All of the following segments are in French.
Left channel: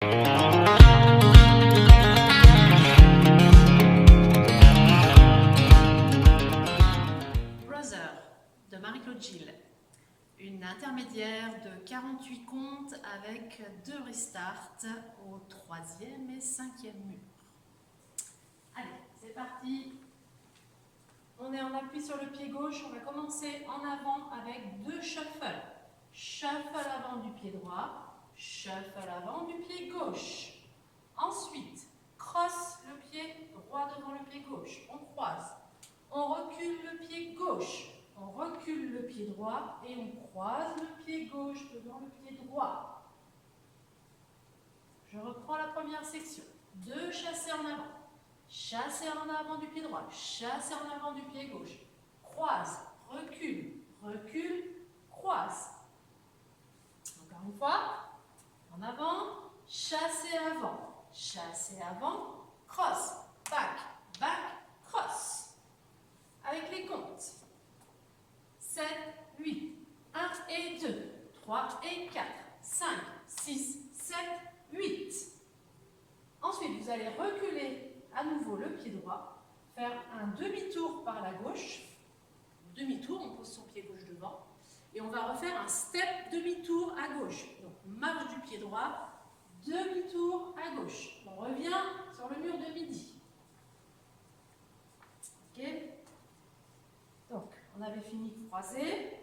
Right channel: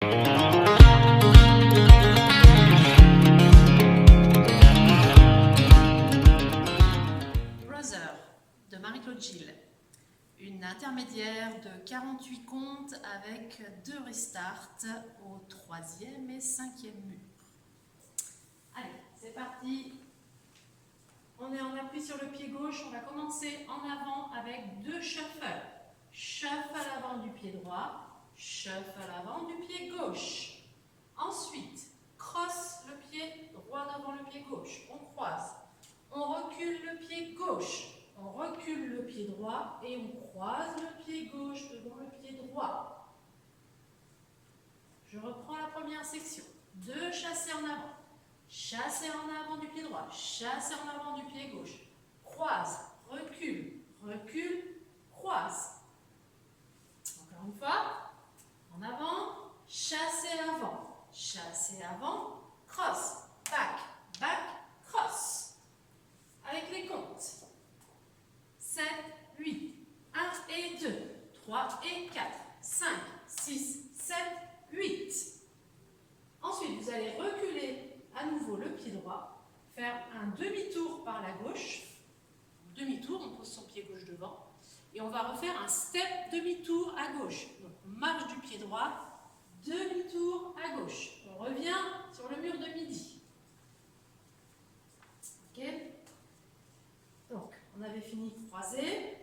Brother de Marie-Claude Gilles. Une intermédiaire de 48 comptes avec 2 restarts au 3e et 5e mur. Allez, c'est parti. On est en appui sur le pied gauche. On va commencer en avant avec 2 shuffles. Shuffle avant du pied droit, shuffle avant du pied gauche. Ensuite, crosse le pied droit devant le pied gauche. On croise. On recule le pied gauche. On recule le pied droit et on croise le pied gauche devant le pied droit. Je reprends la première section. 2 chassés en avant. Chassé en avant du pied droit. Chassé en avant du pied gauche. Croise, recule, recule, croise. Encore une fois. En avant, chassé avant, cross, back, back, cross. Avec les comptes. 7, 8, 1 et 2, 3 et 4, 5, 6, 7, 8. Ensuite, vous allez reculer à nouveau le pied droit, faire un demi-tour par la gauche. Demi-tour, on pose son pied gauche devant. Et on va refaire un step demi-tour à gauche. Donc, marche du pied droit, demi-tour à gauche. On revient sur le mur de midi. Ok? Donc, on avait fini de croiser.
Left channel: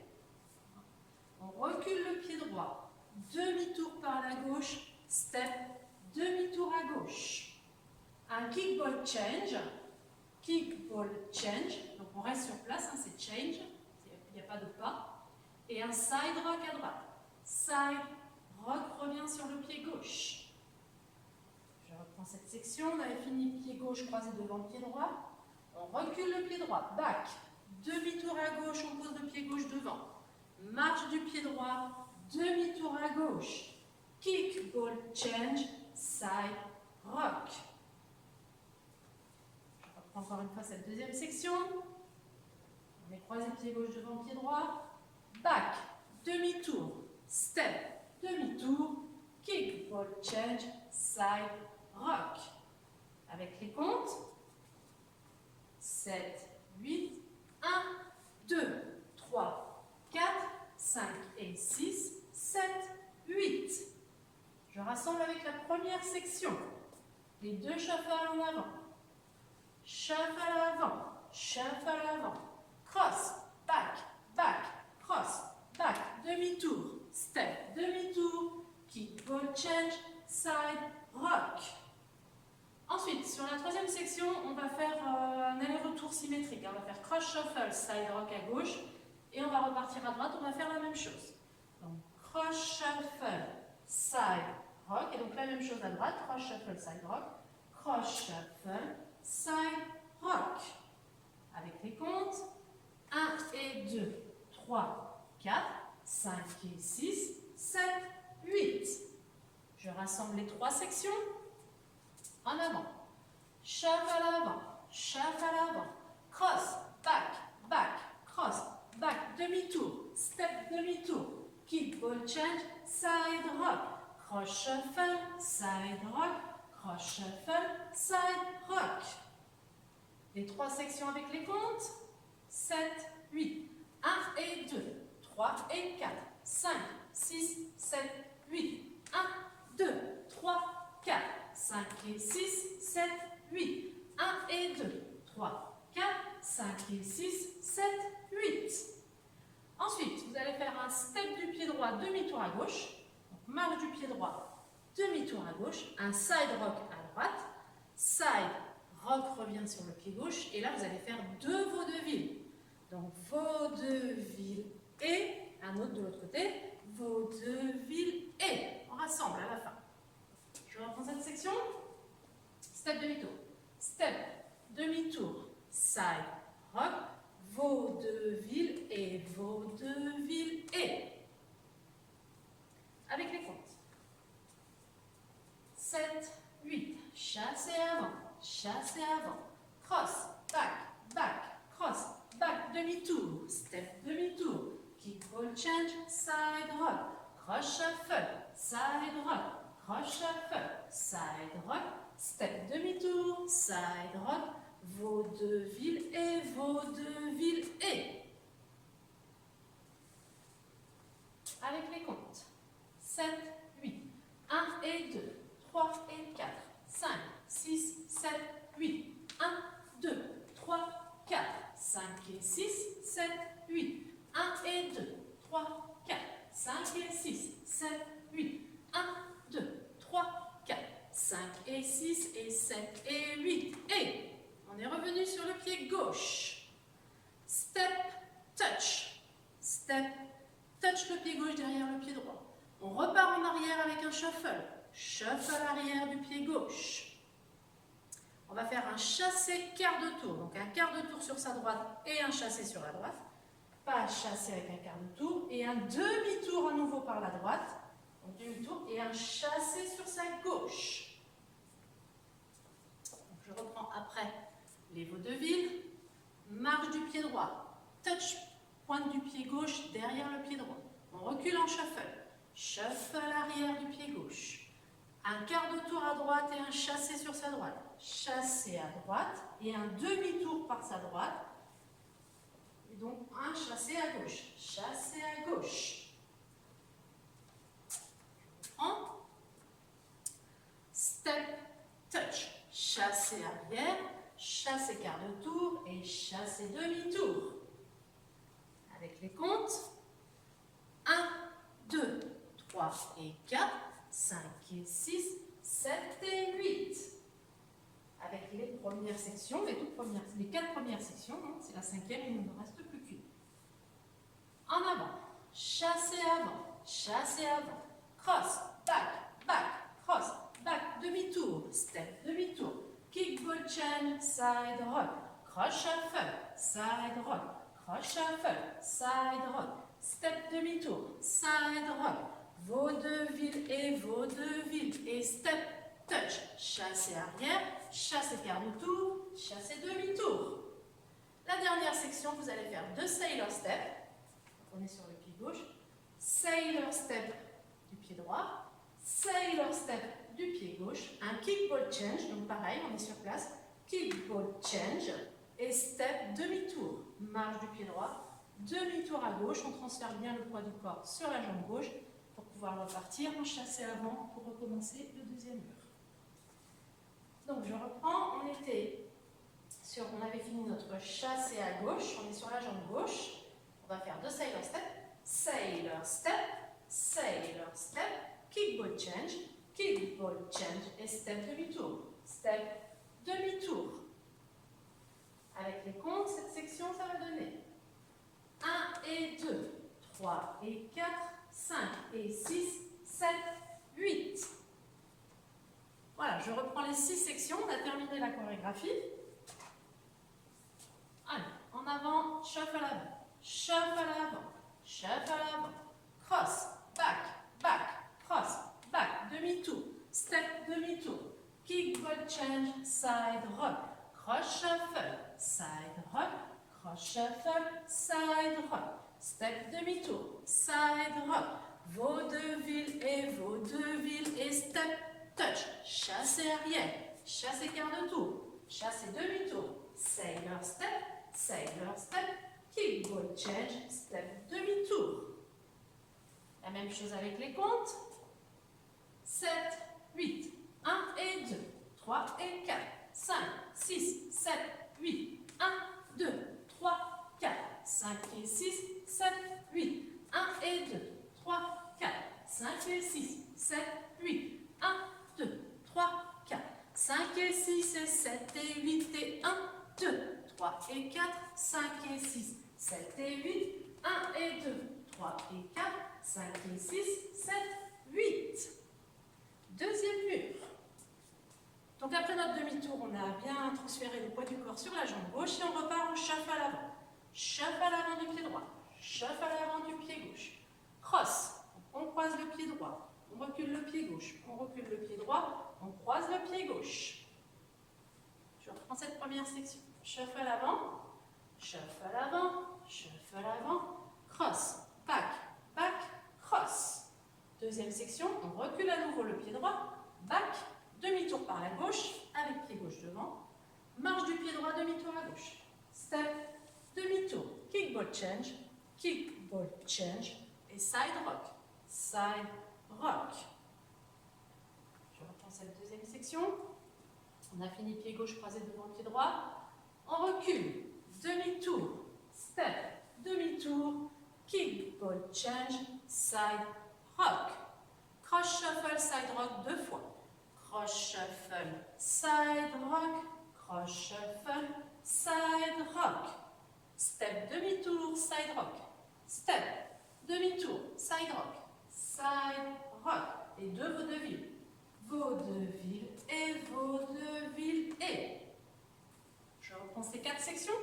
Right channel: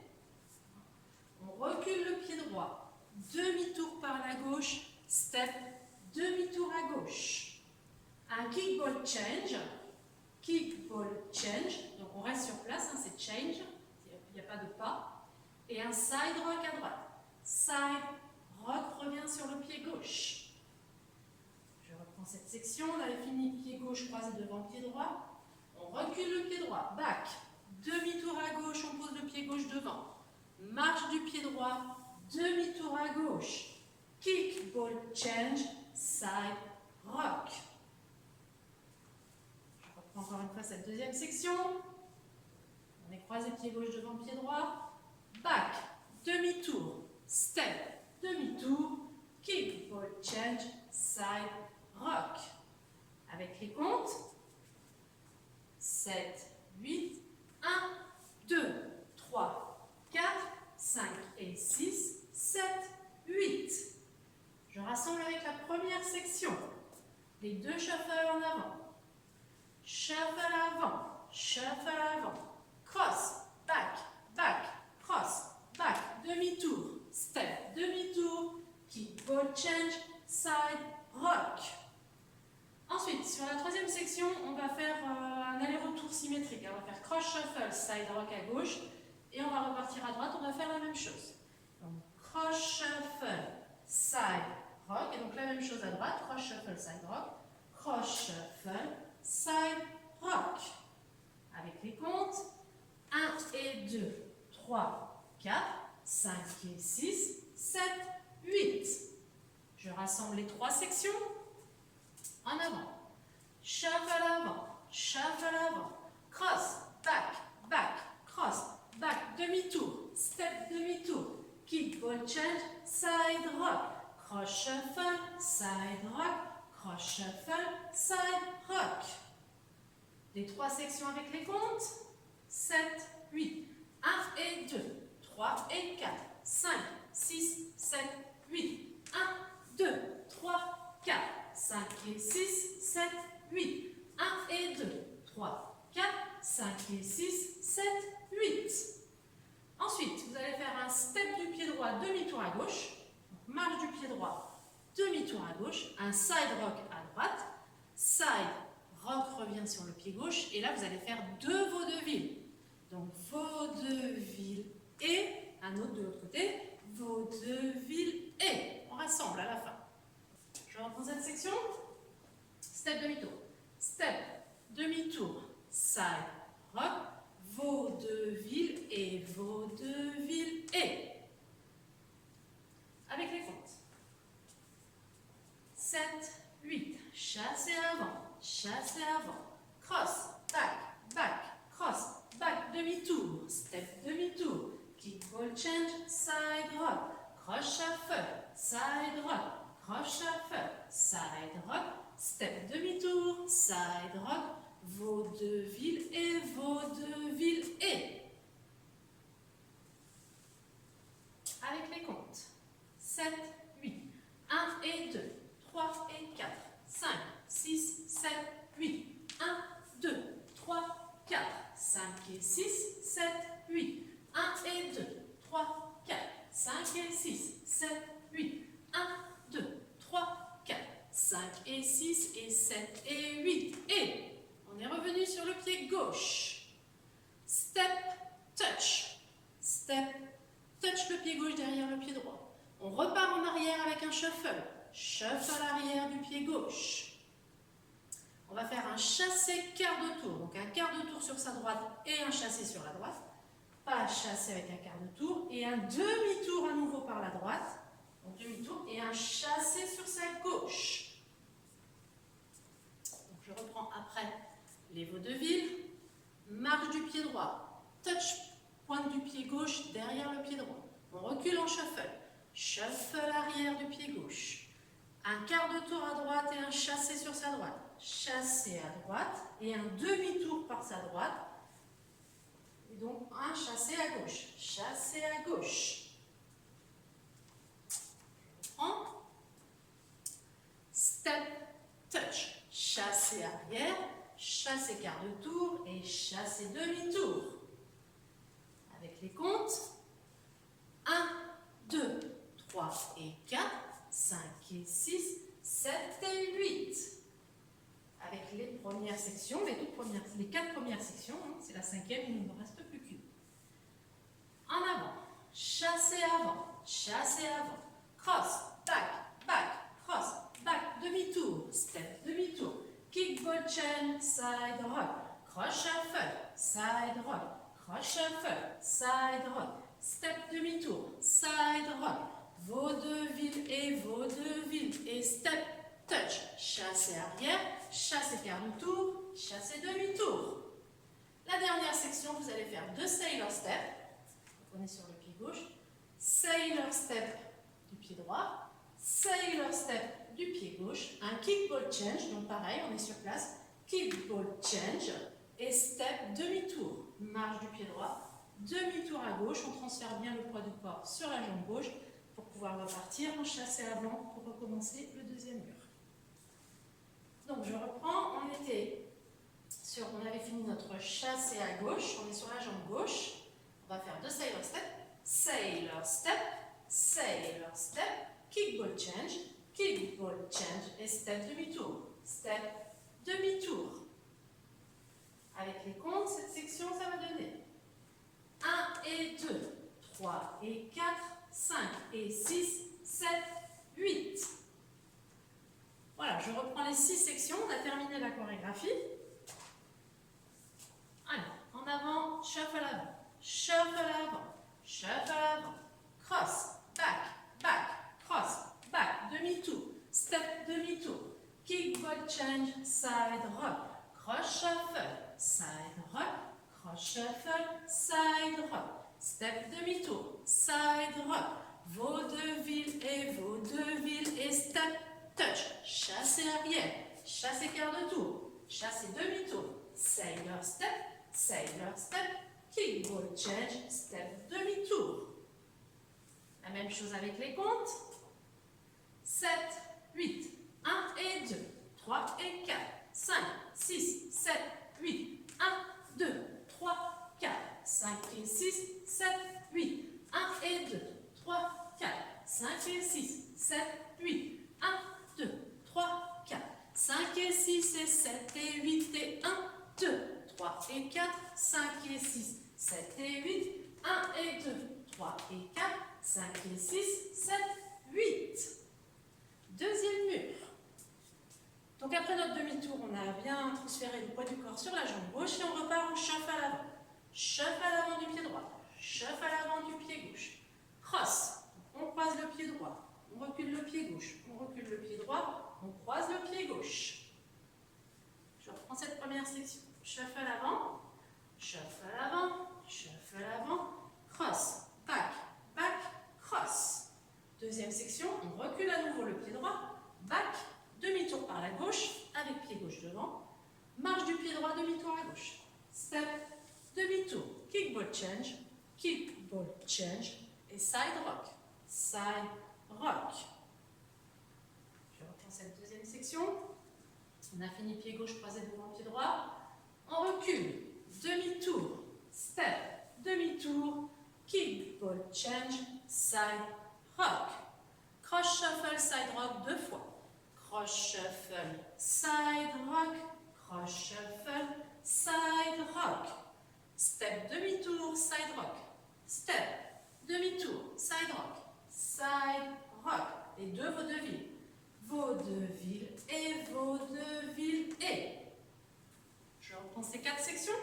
On recule le pied droit. Demi-tour par la gauche. Step, demi-tour à gauche. Un kickball change. Kickball change. Donc, on reste sur place, hein, c'est change. Il n'y a pas de pas. Et un side rock à droite. Side rock revient sur le pied gauche. Je reprends cette section. On avait fini pied gauche croisé devant le pied droit. On recule le pied droit. Back. Demi-tour à gauche, on pose le pied gauche devant. Marche du pied droit, demi-tour à gauche. Kick, ball, change, side, rock. Je reprends encore une fois cette deuxième section. On est croisé pied gauche devant pied droit. Back, demi-tour, step, demi-tour, kick, ball, change, side, rock. Avec les comptes. 7, 8, 1, 2, 3, 4, 5 et 6, 7, 8. Je rassemble avec la première section. Les 2 shuffles en avant. Shuffle avant, shuffle avant. Cross, back, back, cross, back, demi-tour, step, demi-tour, kick, ball, change, side, rock. Ensuite, sur la troisième section, on va faire un aller-retour symétrique. On va faire cross shuffle, side rock à gauche. Et on va repartir à droite, on va faire la même chose. Donc, cross shuffle, side rock. Et donc, la même chose à droite. Cross shuffle, side rock. Cross shuffle, side rock. Avec les comptes. 1 et 2, 3, 4, 5 et 6, 7, 8. Je rassemble les 3 sections. En avant, shuffle avant, cross, back, back, cross, back, demi-tour, step, demi-tour, kick, ball, change, side rock, cross, shuffle, side rock, cross, shuffle, side rock. Les 3 sections avec les comptes, 7, 8, 1 et 2, 3 et 4, 5, 6, 7, 8, 1, 2, 3, 4, 5 et 6, 7, 8, 1 et 2, 3, 4, 5 et 6, 7, 8. Ensuite, vous allez faire un step du pied droit, demi-tour à gauche. Donc, marche du pied droit, demi-tour à gauche. Un side rock à droite. Side rock revient sur le pied gauche. Et là, vous allez faire 2 vaudevilles. Donc, vaudeville et, un autre de l'autre côté, vaudeville et. On rassemble à la fin. Je reprends cette section. Step demi-tour. Step demi-tour. Side rock. Vaudeville et vaudeville et. Avec les comptes. 7, 8. Chassé avant. Cross, back, back, cross, back, demi-tour. Step demi-tour. Kick, ball, change, side rock. Cross, shuffle, side rock. croche shuffle, side rock, step demi-tour, side rock, vaudeville et vaudeville et. Avec les comptes. 7, 8, 1 et 2, 3 et 4, 5, 6, 7, 8, 1, 2, 3, 4, 5 et 6, 7, 8, 1 et 2, 3, 4, 5 et 6, 7, 8, 1, 2, 3, 4, 5 et 6 et 7 et 8 et on est revenu sur le pied gauche. Step, touch, step, touch le pied gauche derrière le pied droit. On repart en arrière avec un shuffle. Shuffle arrière du pied gauche. On va faire un chassé quart de tour. Donc un quart de tour sur sa droite et un chassé sur la droite. Pas un chassé avec un quart de tour. Et un demi-tour à nouveau par la droite. Donc demi-tour et un chassé sur sa gauche. Donc je reprends après les vaudevilles. Marche du pied droit. Touch, pointe du pied gauche derrière le pied droit. On recule en shuffle. Shuffle arrière du pied gauche. Un quart de tour à droite et un chassé sur sa droite. Chassé à droite et un demi-tour par sa droite. Et donc un chassé à gauche. Chassé à gauche. Je reprends. Step, touch. Chassé arrière, chassé quart de tour et chassé demi-tour. Avec les comptes. 1, 2, 3 et 4, 5 et 6, 7 et 8. Avec les premières sections, les 4 premières sections, hein, c'est la 5e, il ne me reste plus qu'une. En avant, chassé avant, cross, back, cross, back, demi-tour, step, demi-tour, kick, ball, chain, side rock, cross shuffle, side rock, cross shuffle, side rock, step demi-tour, side rock, vaudeville et step, touch, chassé arrière, chassé quart de tour, chassé demi-tour. La dernière section, vous allez faire 2 sailor step. On est sur le pied gauche. Sailor step du pied droit, sailor step du pied gauche, un kick ball change, donc pareil, on est sur place, kick ball change et step demi-tour, marche du pied droit, demi-tour à gauche, on transfère bien le poids du corps sur la jambe gauche pour pouvoir repartir en chassé avant pour recommencer le deuxième mur. Donc je reprends, on avait fini notre chassé à gauche, on est sur la jambe gauche, on va faire 2 sailor step, sailor step, kick ball change et step demi-tour, Avec les comptes, cette section, ça va donner 1 et 2, 3 et 4, 5 et 6, 7, 8. Voilà, je reprends les 6 sections, on a terminé la chorégraphie. Allez, en avant, shuffle avant, cross, back, cross, back, demi-tour, step, demi-tour, kick, ball change, side rock, cross shuffle, side rock, cross shuffle, side rock, step, demi-tour, side rock, vaudeville et step, touch, chassé arrière, chassé quart de tour, chassé demi-tour, sailor step, kick, ball change, step, demi-tour. La même chose avec les comptes. 7, 8, 1 et 2, 3 et 4, 5, 6, 7, 8, 1, 2, 3, 4, 5 et 6, 7, 8, 1 et 2, 3, 4, 5 et 6, 7, 8, 1, 2, 3, 4, 5 et 6 et 7 et 8 et 1, 2, 3 et 4, 5 et 6, 7 et 8, 1 et 2, 3 et 4, 5 et 6, 7, 8. Deuxième mur. Donc après notre demi-tour, on a bien transféré le poids du corps sur la jambe gauche et on repart en shuffle à l'avant. Shuffle à l'avant du pied droit, shuffle à l'avant du pied gauche. Cross, on croise le pied droit, on recule le pied gauche, on recule le pied droit, on croise le pied gauche. Je reprends cette première section. Shuffle avant, cross, back, cross. Deuxième section, on recule à nouveau le pied droit, par la gauche, avec pied gauche devant. Marche du pied droit, demi-tour à gauche. Step, demi-tour. Kickball change, et side rock. Side rock. Je reprends cette deuxième section. On a fini pied gauche croisé devant pied droit. On recule. Demi-tour. Step, demi-tour. Kickball change, side rock. Cross shuffle, side rock 2 fois. Cross shuffle, side rock. Cross shuffle, side rock. Step, demi-tour, side rock. Step, demi-tour, side rock. Side rock. Et 2 vaudevilles. Vaudeville et vaudeville et. Je reprends ces 4 sections.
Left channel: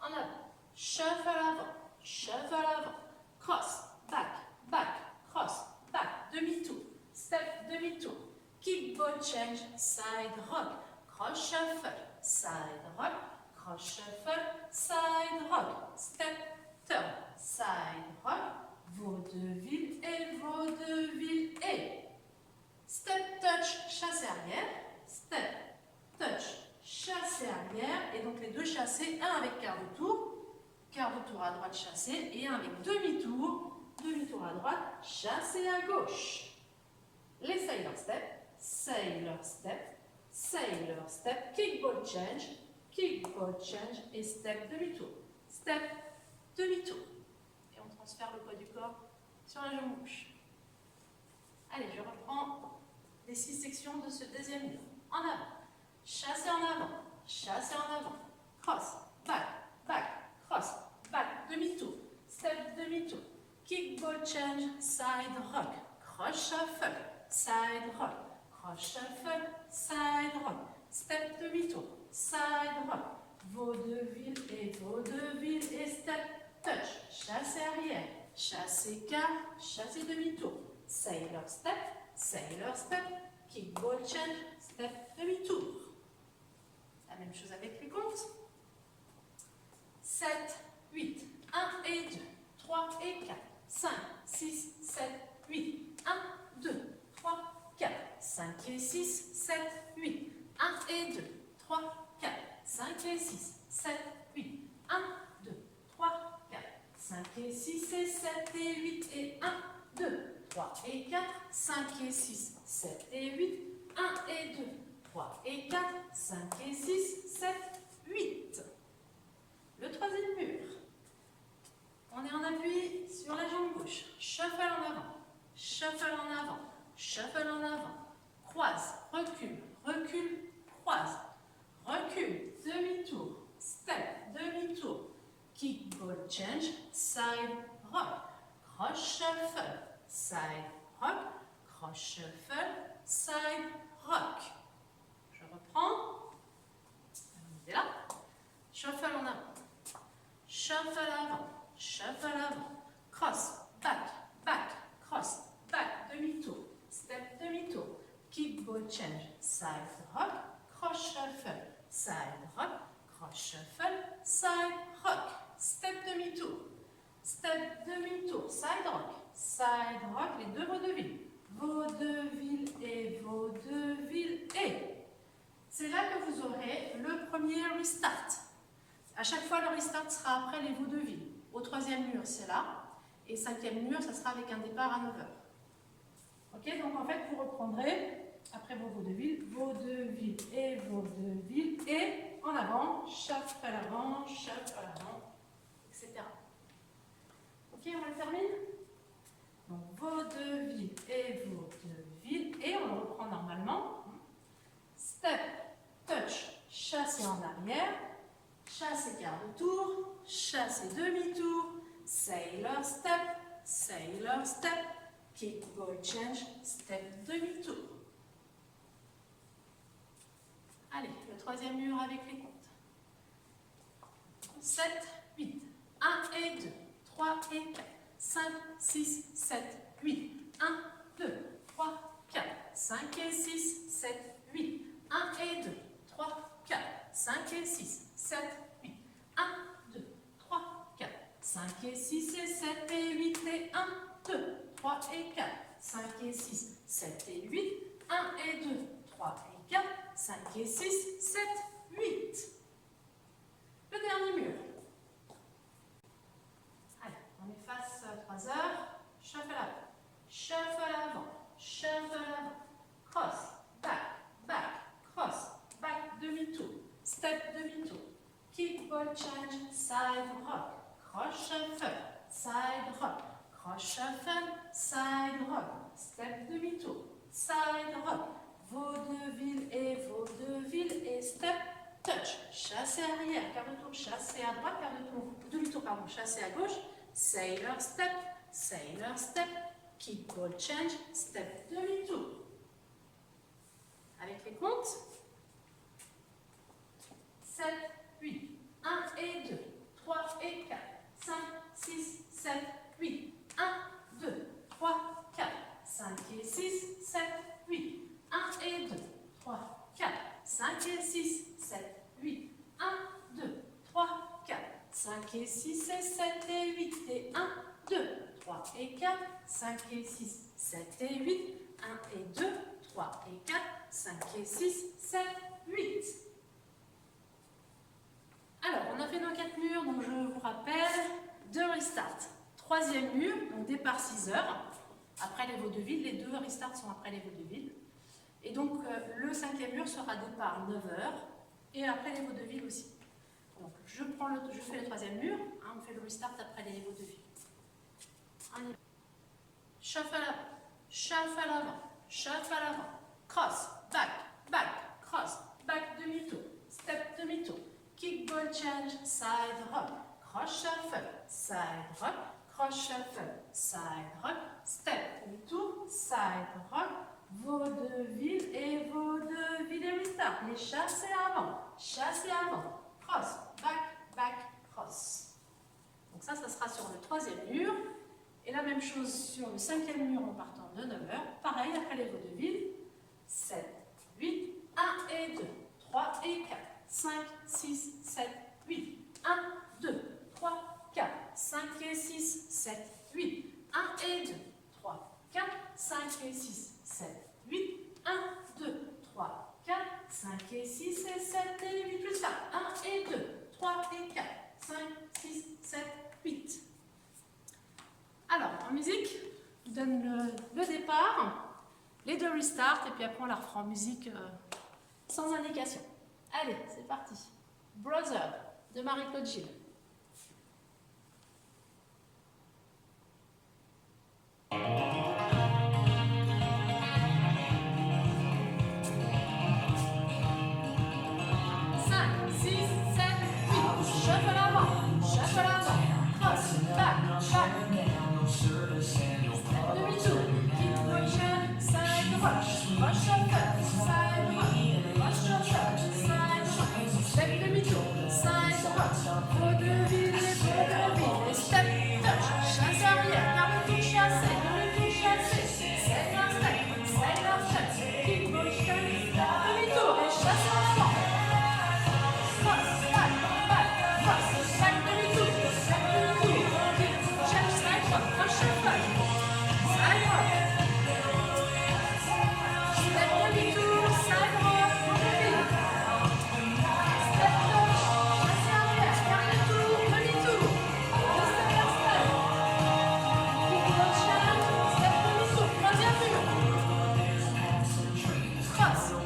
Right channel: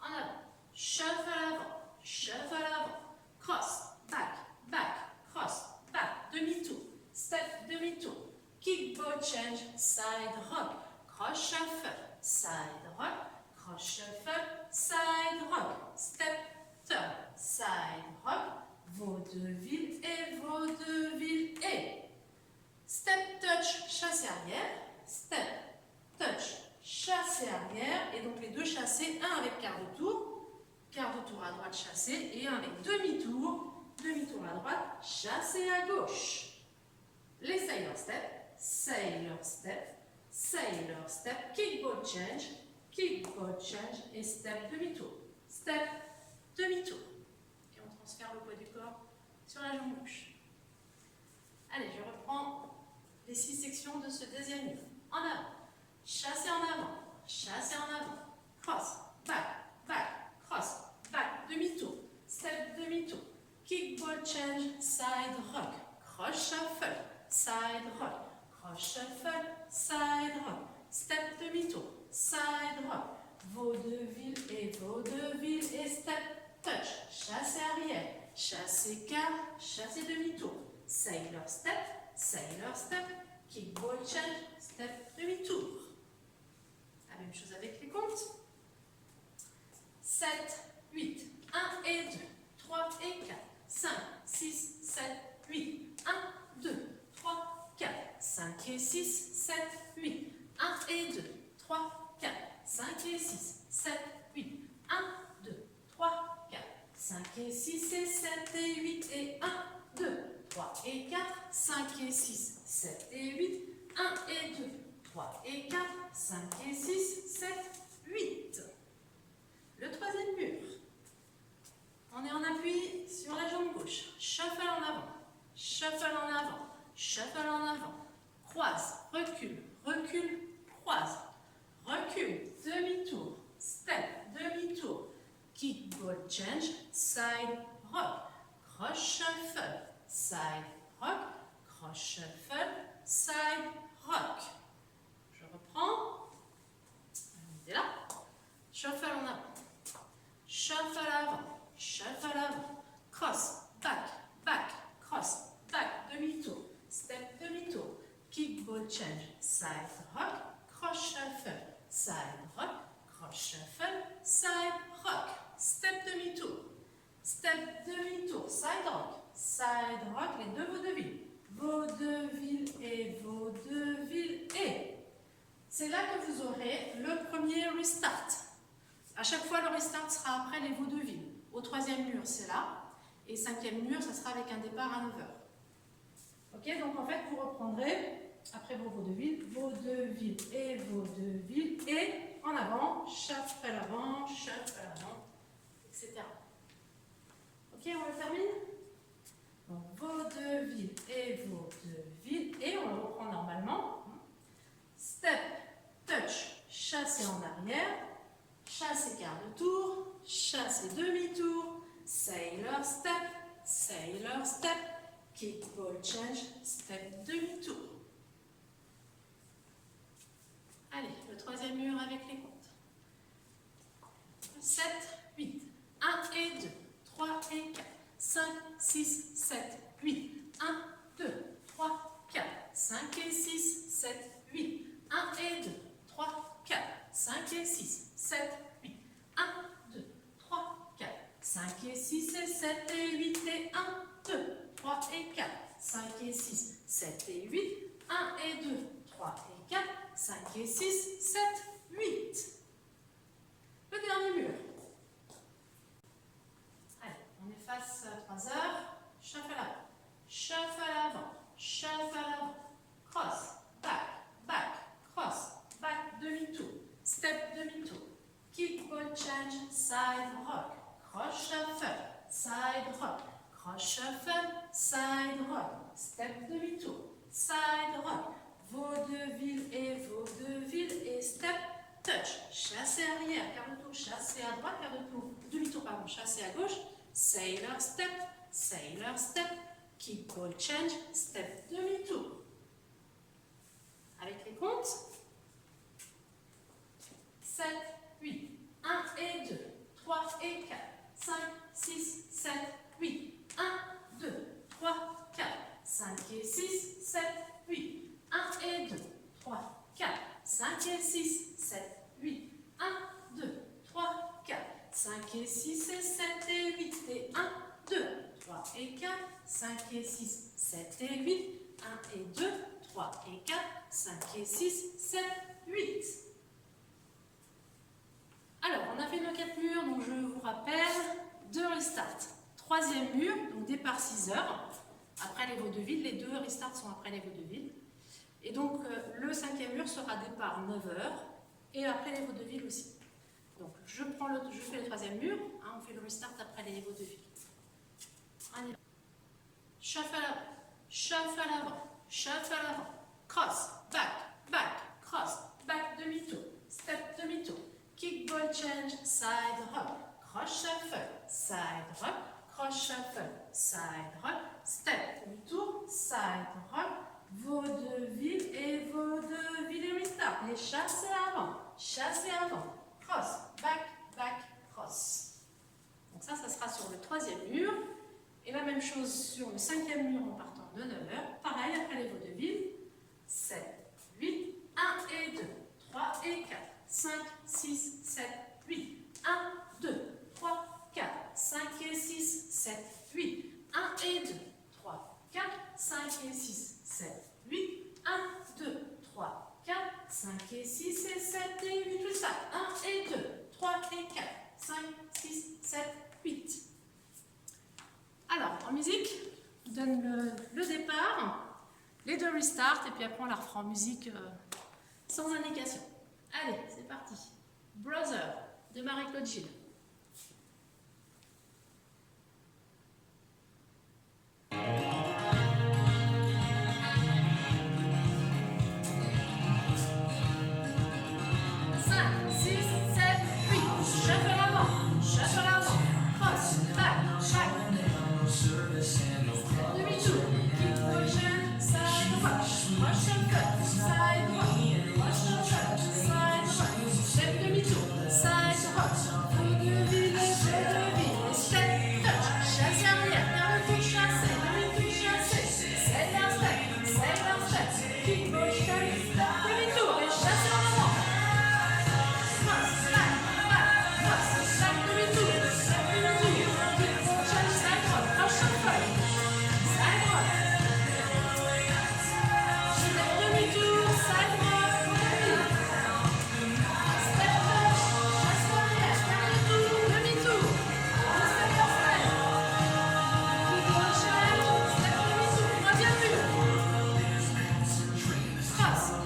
En avant. Shuffle avant. Shuffle avant. Cross, back, back, cross, back, demi-tour. Step, demi-tour. Kickball change, side rock. Cross shuffle, side rock. Cross shuffle, side rock. Step, turn, side rock. Vaudeville et vaudeville et. Step, touch, chassé arrière. Step, touch, chassé arrière. Et donc les 2 chassés, un avec quart de tour. Quart de tour à droite, chassé. Et un avec demi-tour. Demi-tour à droite, chassé à gauche. Les sailor step, sailor step, sailor step, kickball change et step demi-tour. Step, demi-tour. Et on transfère le poids du corps sur la jambe gauche. Allez, je reprends les 6 sections de ce deuxième mur. En avant, chassé en avant, chassé en avant, cross, back, back, cross, back, demi-tour, step, demi-tour. Kickball change, side rock, cross shuffle, side rock, cross shuffle, side rock, step demi-tour, side rock, vaudeville et step, touch, chassé arrière, chassé quart, chassé demi-tour, sailor step, kickball change, step demi-tour. La même chose avec les comptes. 7, 8, 1 et 2, 3 et 4. 5, 6, 7, 8, 1, 2, 3, 4, 5 et 6, 7, 8, 1 et 2, 3, 4, 5 et 6, 7, 8, 1, 2, 3, 4, 5 et 6 et 7 et 8 et 1, 2, 3 et 4, 5 et 6, 7 et 8, 1 et 2, 3 et 4, 5 et 6, 7, 8. Le troisième mur. On est en appui sur la jambe gauche. Shuffle en avant, shuffle en avant, shuffle en avant. Croise, recule, recule, croise. Recule, demi-tour, step, demi-tour. Kickball change, side rock. Cross shuffle, side rock. Cross shuffle, side rock. Je reprends. On est là. Shuffle en avant. Shuffle avant. Shuffle avant, cross, back, back, cross, back, demi-tour, step, demi-tour, kickball change, side rock, cross shuffle, side rock, cross shuffle, side rock, step, demi-tour, side rock, les 2 vaudevilles, vaudeville et vaudeville et. C'est là que vous aurez le premier restart. À chaque fois, le restart sera après les vaudevilles. Au troisième mur, c'est là. Et 5e mur, ça sera avec un départ à 9h. Ok, donc en fait, vous reprendrez, après vos vaudevilles, vaudeville et en avant, shuffle avant, etc. Ok, on le termine. Donc, vaudeville et on le reprend normalement. Step, touch, chassé en arrière. Chassé quart de tour, chassé demi-tour, sailor step, kickball change, step demi-tour. Allez, le troisième mur avec les comptes. 7, 8, 1 et 2, 3 et 4, 5, 6, 7, 8, 1, 2, 3, 4, 5 et 6, 7, 8, 1 et 2, 3, 4, 5 et 6, 7, 8, 1, 2, 3, 4, 5 et 6 et 7 et 8 et 1, 2, 3 et 4, 5 et 6, 7 et 8, 1 et 2, 3 et 4, 5 et 6, 7, 8. Le dernier mur. Allez, on est face à 3 heures. Shuffle avant, shuffle avant, cross, back, cross, back, demi-tour, step, demi-tour, kick, ball, change, side, rock, cross, shuffle, side, rock, cross, shuffle, side, rock, step, demi-tour, side, rock, vaudeville et step, touch, chassé arrière, quart de tour, chassé à droite, quart de tour, demi-tour, pardon, chassé à gauche, sailor, step, kick, ball, change, step, demi-tour. Avec les comptes, 7, 8, 1 et 2, 3 et 4, 5, 6, 7, 8, 1, 2, 3, 4, 5 et 6, 7, 8, 1 et 2, 3, 4, 5 et 6, 7, 8, 1, 2, 3, 4, 5 et 6 et 7 et 8 et 1, 2, 3 et 4, 5 et 6, 7 et 8, 1 et 2, 3 et 4, 5 et 6, 7, 8. Alors, on a fait nos 4 murs, donc je vous rappelle, 2 restart. 3e mur, donc départ 6 heures, après les vaudevilles, les 2 restarts sont après les vaudevilles. Et donc, le 5e mur sera départ 9 heures, et après les vaudevilles aussi. Donc, je fais le 3e mur, hein, on fait le restart après les vaudevilles. Allez, shuffle avant, cross, back, cross, back, demi-tour, step, demi-tour, kick, ball, change, side, rock, cross, shuffle, side, rock, cross, shuffle, side, rock, step, demi-tour, side, rock, vaudeville et restart, et chassé avant, cross, back, cross. Donc ça sera sur le 3e mur. Et la même chose sur le 5e mur en partant de 9 heures. Pareil, après les vaudevilles. 7, 8, 1 et 2, 3 et 4, 5, 6, 7, 8, 1, 2, 3, 4, 5 et 6, 7, 8, 1 et 2, 3, 4, 5 et 6, 7, 8, 1, 2, 3, 4, 5 et 6 et 7 et 8, plus ça. 1 et 2, 3 et 4, 5, 6, 7, 8. Alors, en musique, je vous donne le départ, les 2 restarts, et puis après on la refera en musique sans indication. Allez, c'est parti. Brother, de Marie-Claude Gilles.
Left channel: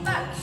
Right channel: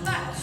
Back.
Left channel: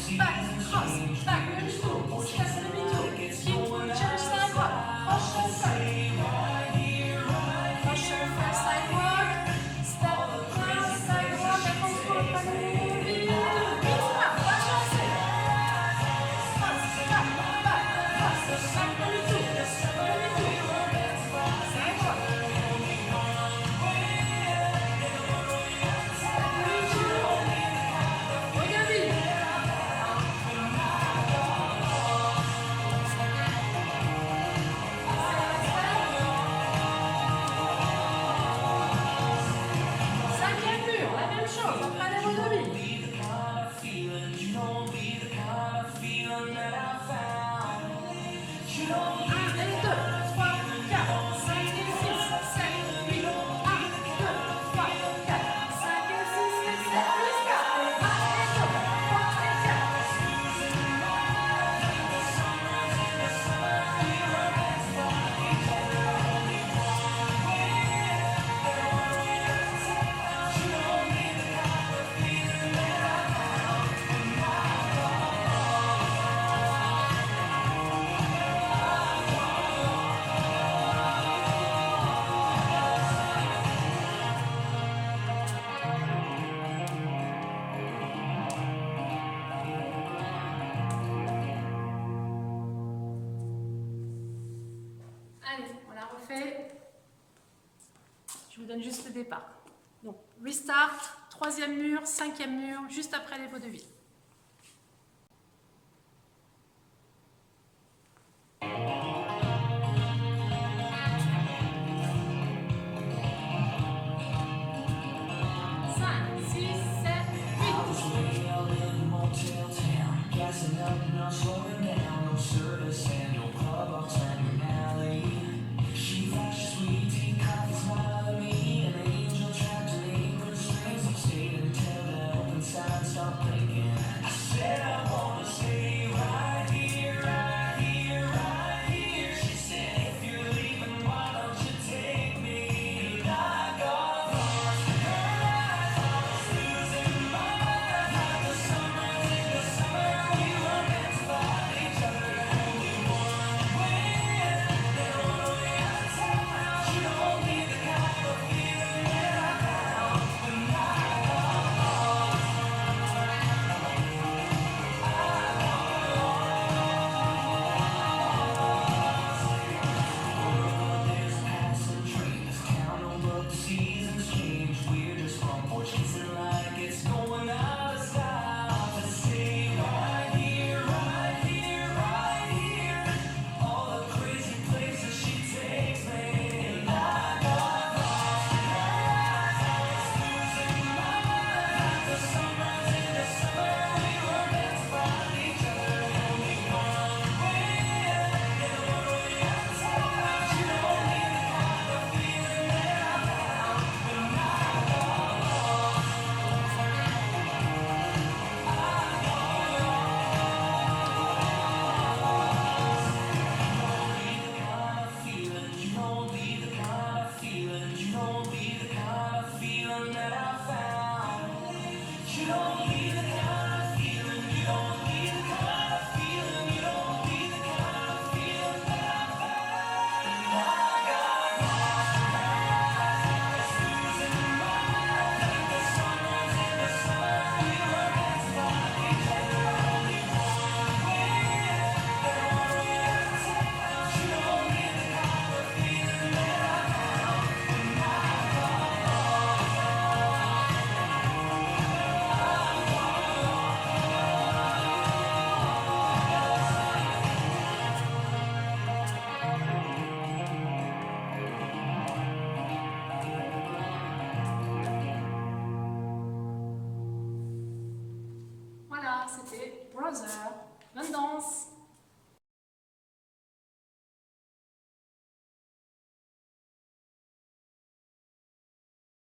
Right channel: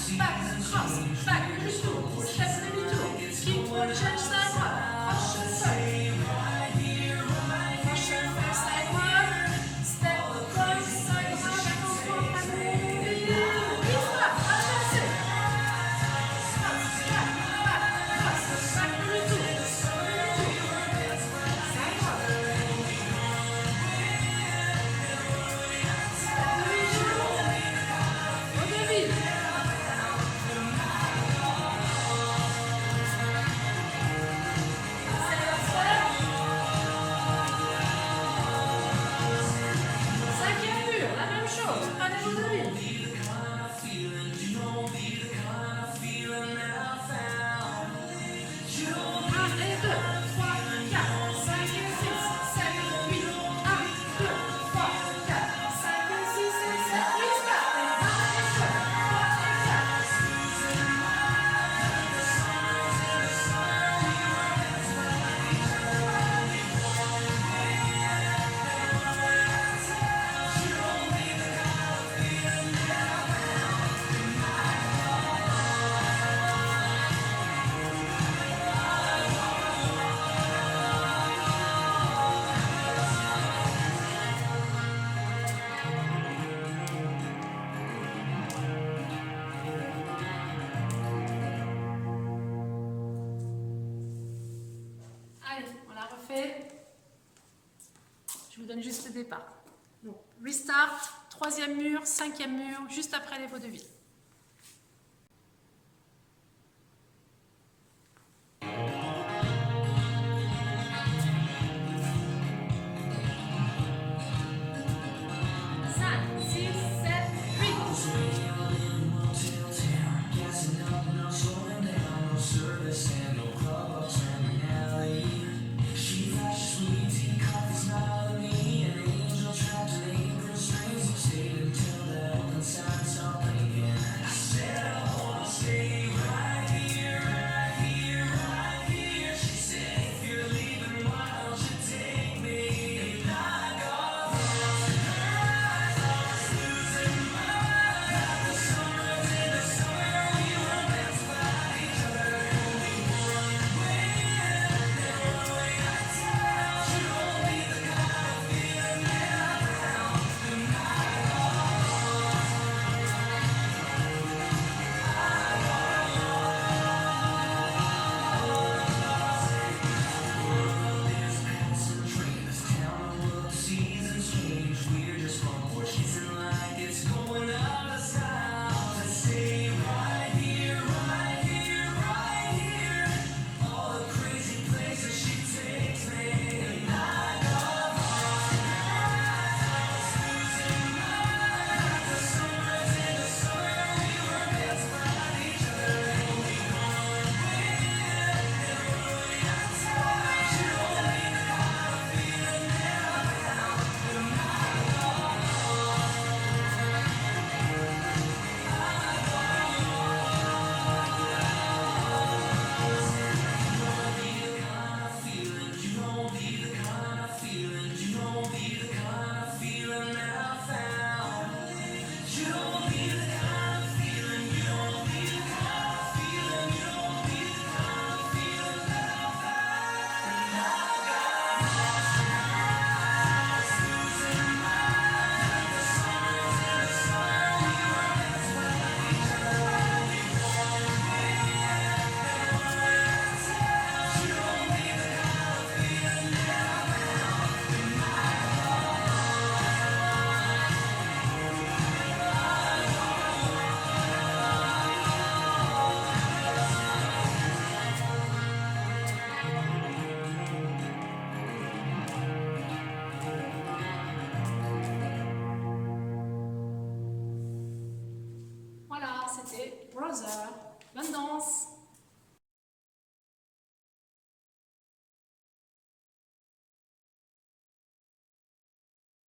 donne juste le départ. Donc, restart, 3e mur, 5e mur, juste après les vaudevilles. Voilà, c'était Brother. Bonne danse!